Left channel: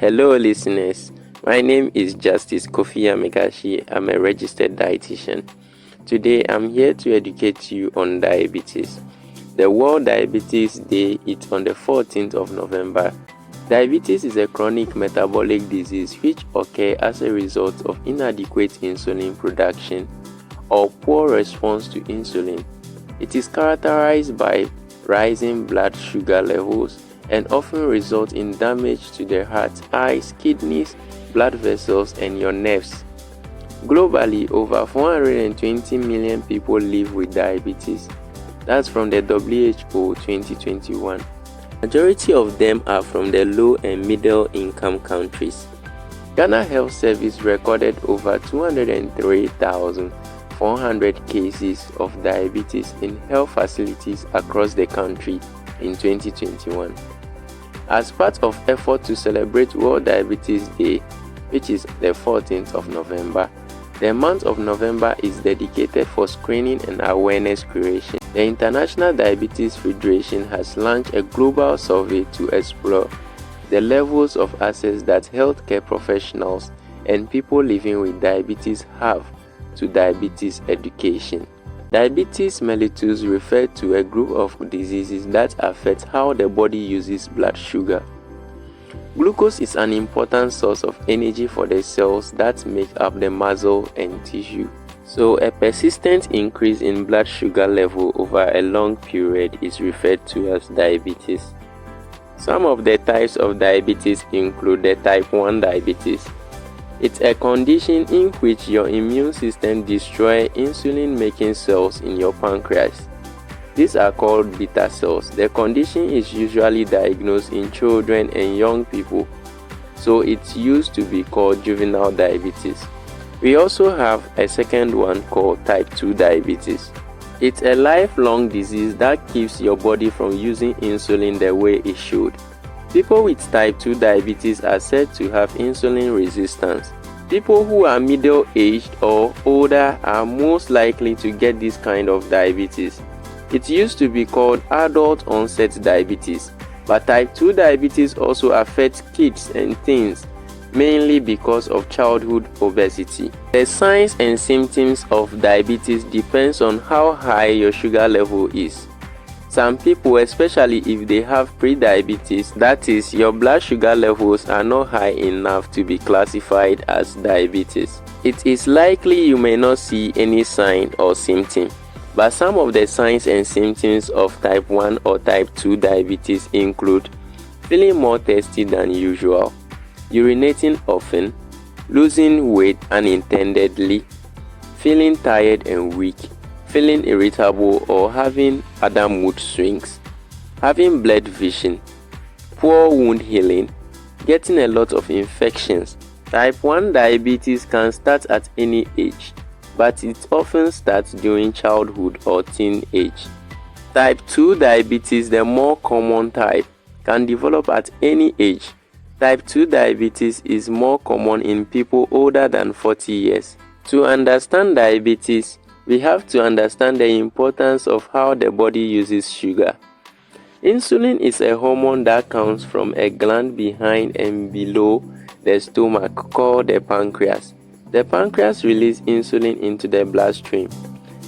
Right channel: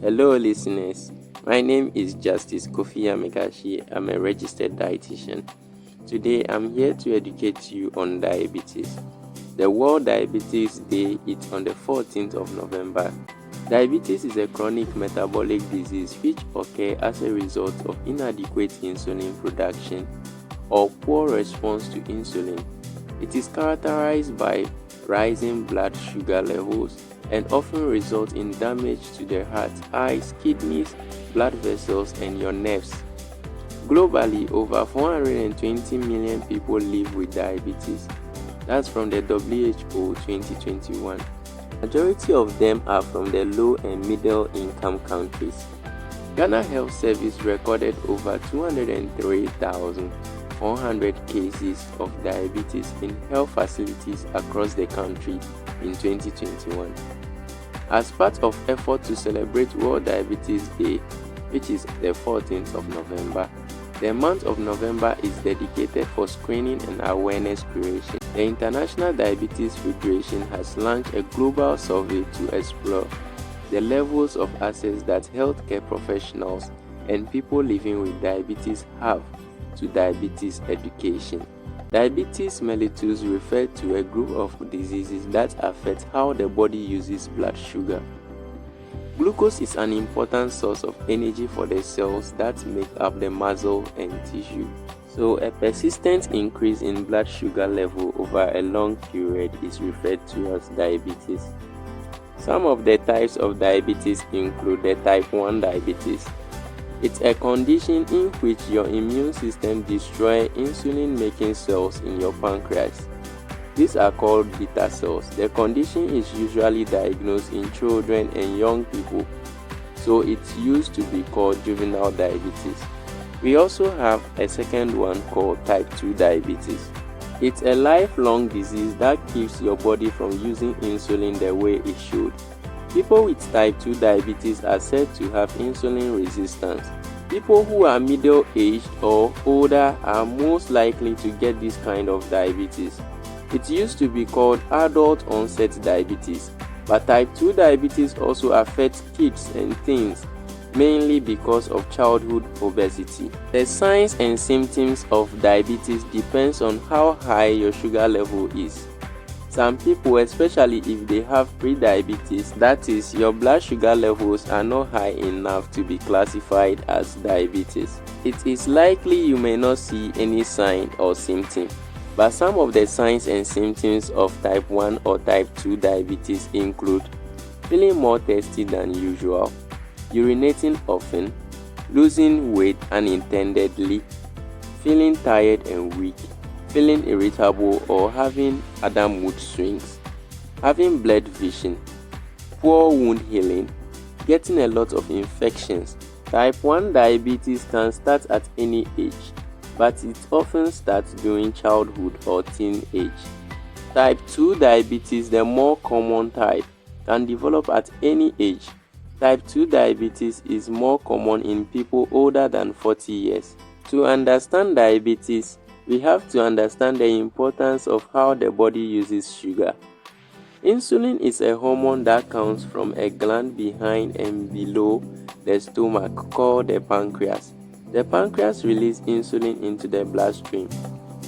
Hello listeners, my name is Justice Kofi Amekashi. I'm a registered dietitian. Today I'm here to educate you on diabetes. The World Diabetes Day is on the 14th of November. Diabetes is a chronic metabolic disease which occurs as a result of inadequate insulin production or poor response to insulin. It is characterized by rising blood sugar levels and often result in damage to the heart, eyes, kidneys, blood vessels, and your nerves. Globally, over 420 million people live with diabetes. That's from the WHO 2021. Majority of them are from the low and middle income countries. Ghana Health Service recorded over 203,400 cases of diabetes in health facilities across the country in 2021. As part of effort to celebrate World Diabetes Day, which is the 14th of November, the month of November is dedicated for screening and awareness creation. The International Diabetes Federation has launched a global survey to explore the levels of access that healthcare professionals and people living with diabetes have to diabetes education. Diabetes mellitus refers to a group of diseases that affect how the body uses blood sugar. Glucose is an important source of energy for the cells that make up the muscle and tissue. So a persistent increase in blood sugar level over a long period is referred to as diabetes. Some of the types of diabetes include the type 1 diabetes. It's a condition in which your immune system destroys insulin-making cells in your pancreas. These are called beta cells. The condition is usually diagnosed in children and young people, so it's used to be called juvenile diabetes. We also have a second one called type 2 diabetes. It's a lifelong disease that keeps your body from using insulin the way it should. People with type 2 diabetes are said to have insulin resistance. People who are middle-aged or older are most likely to get this kind of diabetes. It used to be called adult-onset diabetes, but type 2 diabetes also affects kids and teens, mainly because of childhood obesity. The signs and symptoms of diabetes depends on how high your sugar level is. Some people, especially if they have pre-diabetes, that is, your blood sugar levels are not high enough to be classified as diabetes. It is likely you may not see any sign or symptom, but some of the signs and symptoms of type 1 or type 2 diabetes include feeling more thirsty than usual, urinating often, losing weight unintendedly, feeling tired and weak, feeling irritable or having other mood swings, having blurred vision, poor wound healing, getting a lot of infections. Type 1 diabetes can start at any age, but it often starts during childhood or teen age. Type 2 diabetes, the more common type, can develop at any age. Type 2 diabetes is more common in people older than 40 years. To understand diabetes, we have to understand the importance of how the body uses sugar. Insulin is a hormone that comes from a gland behind and below the stomach called the pancreas. The pancreas releases insulin into the bloodstream.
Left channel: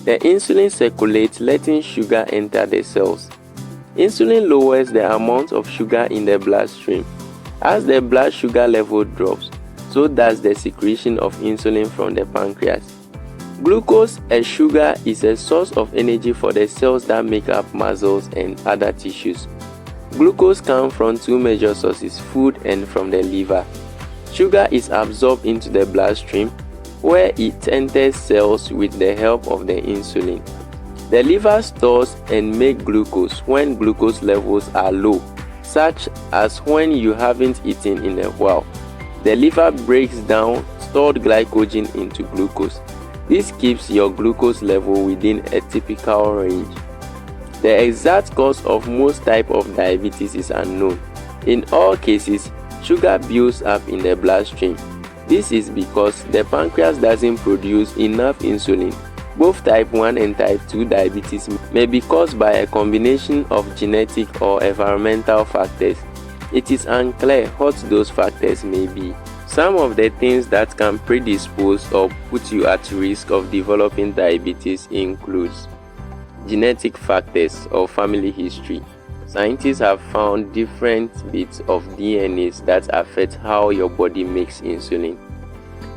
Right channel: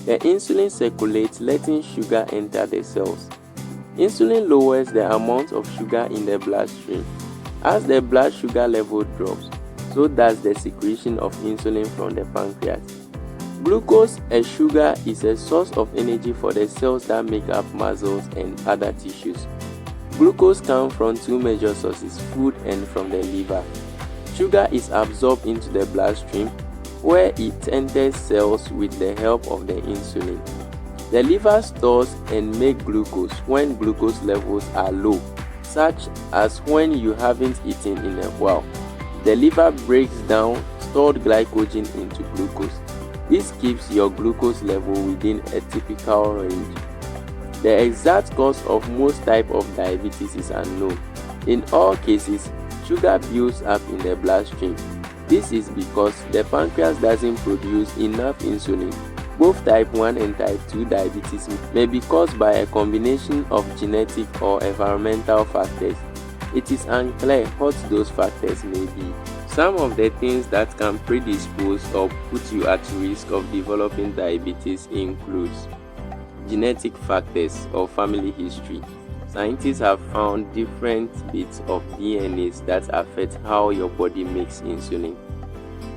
The insulin circulates, letting sugar enter the cells. Insulin lowers the amount of sugar in the bloodstream. As the blood sugar level drops, so does the secretion of insulin from the pancreas. Glucose, a sugar, is a source of energy for the cells that make up muscles and other tissues. Glucose comes from two major sources, food and from the liver. Sugar is absorbed into the bloodstream, where it enters cells with the help of the insulin. The liver stores and makes glucose when glucose levels are low, such as when you haven't eaten in a while. The liver breaks down stored glycogen into glucose. This keeps your glucose level within a typical range. The exact cause of most types of diabetes is unknown. In all cases, sugar builds up in the bloodstream. This is because the pancreas doesn't produce enough insulin. Both type 1 and type 2 diabetes may be caused by a combination of genetic or environmental factors. It is unclear what those factors may be. Some of the things that can predispose or put you at risk of developing diabetes includes genetic factors or family history. Scientists have found different bits of DNAs that affect how your body makes insulin.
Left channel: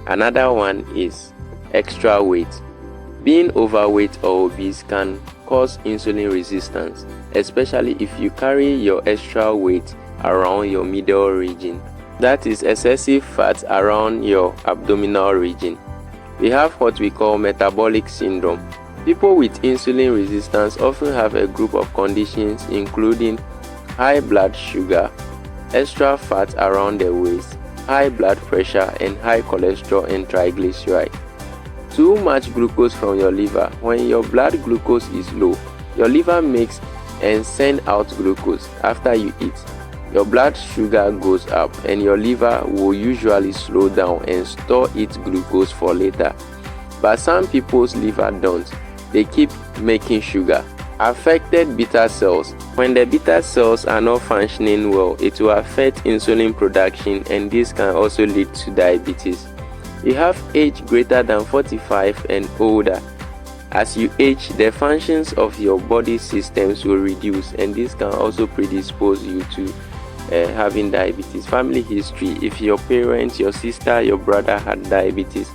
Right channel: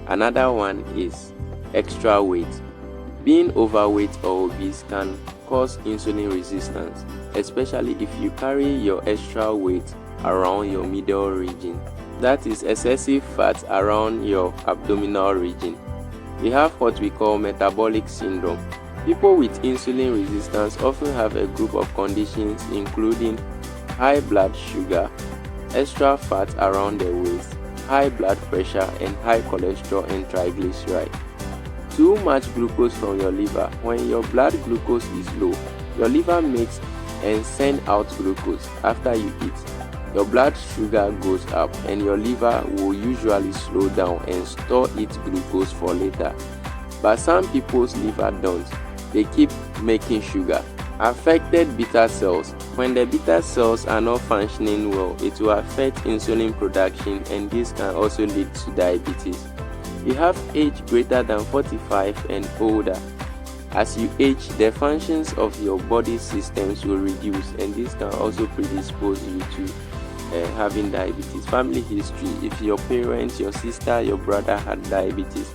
Another one is extra weight. Being overweight or obese can cause insulin resistance, especially if you carry your extra weight around your middle region. That is excessive fat around your abdominal region. We have what we call metabolic syndrome. People with insulin resistance often have a group of conditions including high blood sugar, extra fat around the waist, high blood pressure, and high cholesterol and triglycerides. Too much glucose from your liver. When your blood glucose is low, your liver makes and sends out glucose after you eat. Your blood sugar goes up and your liver will usually slow down and store its glucose for later. But some people's liver don't. They keep making sugar. Affected beta cells. When the beta cells are not functioning well, it will affect insulin production, and this can also lead to diabetes. You have age greater than 45 and older. As you age, the functions of your body systems will reduce, and this can also predispose you to having diabetes. Family history. If your parents, your sister, your brother had diabetes,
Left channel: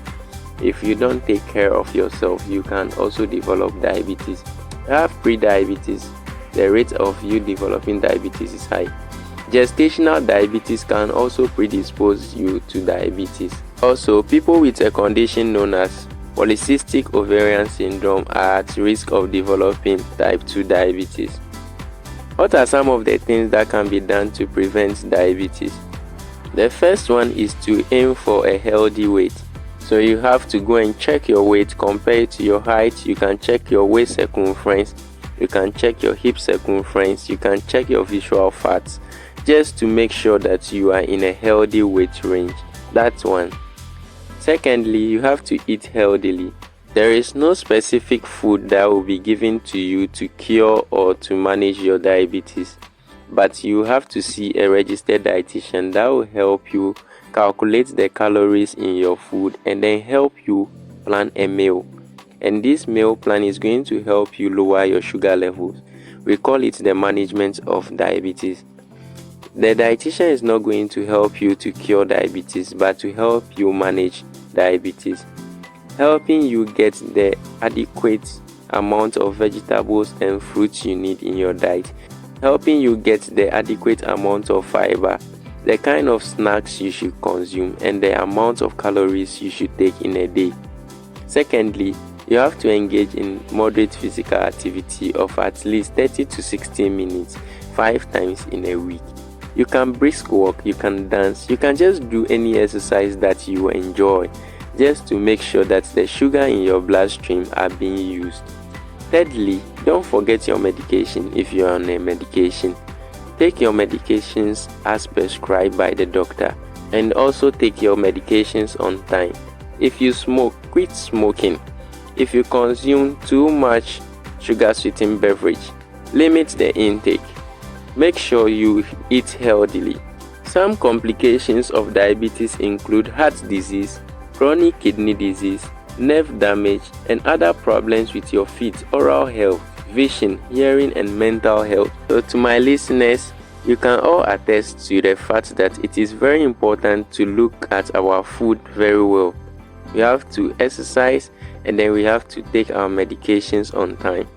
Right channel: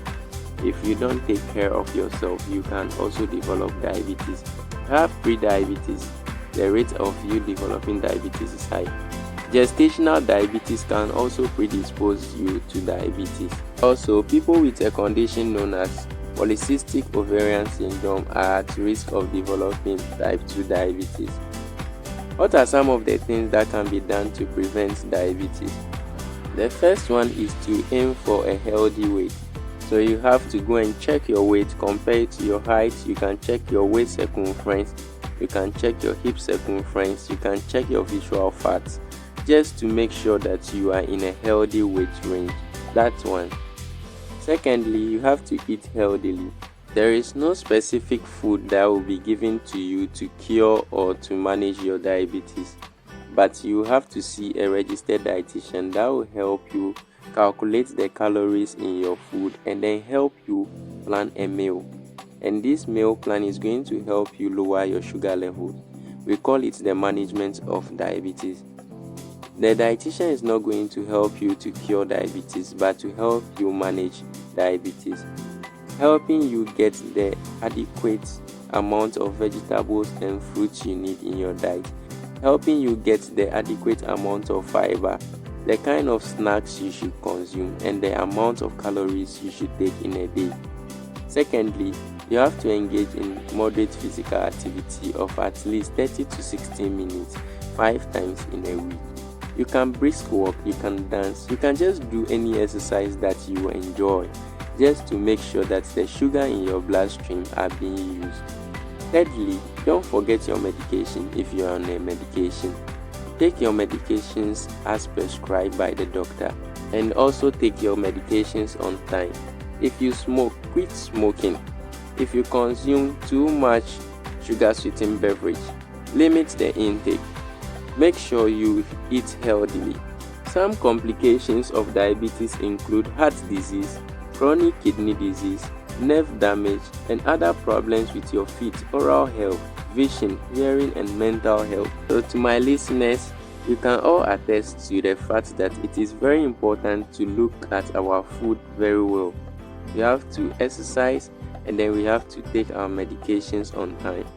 if you don't take care of yourself, you can also develop diabetes. You have pre-diabetes. The rate of you developing diabetes is high. Gestational diabetes can also predispose you to diabetes. Also, people with a condition known as polycystic ovarian syndrome are at risk of developing type 2 diabetes. What are some of the things that can be done to prevent diabetes? The first one is to aim for a healthy weight. So you have to go and check your weight, compare it to your height. You can check your waist circumference, you can check your hip circumference, you can check your visceral fats, just to make sure that you are in a healthy weight range. That's one. Secondly, you have to eat healthily. There is no specific food that will be given to you to cure or to manage your diabetes, but you have to see a registered dietitian that will help you calculate the calories in your food and then help you plan a meal. And this meal plan is going to help you lower your sugar levels. We call it the management of diabetes. The dietitian is not going to help you to cure diabetes, but to help you manage diabetes, helping you get the adequate amount of vegetables and fruits you need in your diet, helping you get the adequate amount of fiber, the kind of snacks you should consume, and the amount of calories you should take in a day. Secondly, you have to engage in moderate physical activity of at least 30 to 60 minutes 5 times in a week. You can brisk walk, you can dance, you can just do any exercise that you enjoy, just to make sure that the sugar in your bloodstream are being used. Thirdly, don't forget your medication if you are on a medication. Take your medications as prescribed by the doctor, and also take your medications on time. If you smoke, quit smoking. If you consume too much sugar-sweetened beverage, limit the intake. Make sure you eat healthily. Some complications of diabetes include heart disease, chronic kidney disease, nerve damage, and other problems with your feet, oral health, vision, hearing, and mental health. So to my listeners, you can all attest to the fact that it is very important to look at our food very well. We have to exercise, and then we have to take our medications on time.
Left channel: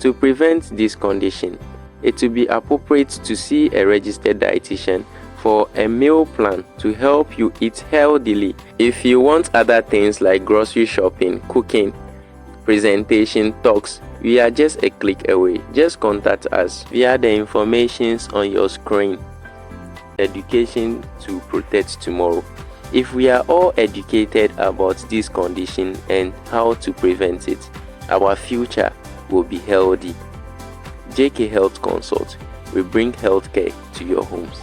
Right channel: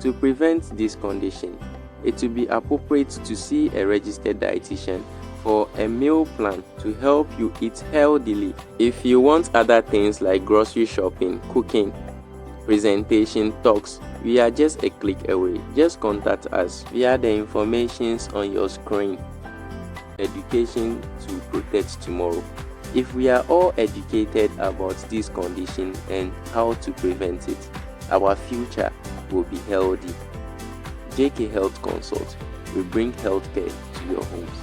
To prevent this condition, it will be appropriate to see a registered dietitian for a meal plan to help you eat healthily. If you want other things like grocery shopping, cooking, presentation, talks, we are just a click away. Just contact us via the information on your screen. Education to protect tomorrow. If we are all educated about this condition and how to prevent it, our future will be healthy. JK Health Consult. We bring healthcare to your homes.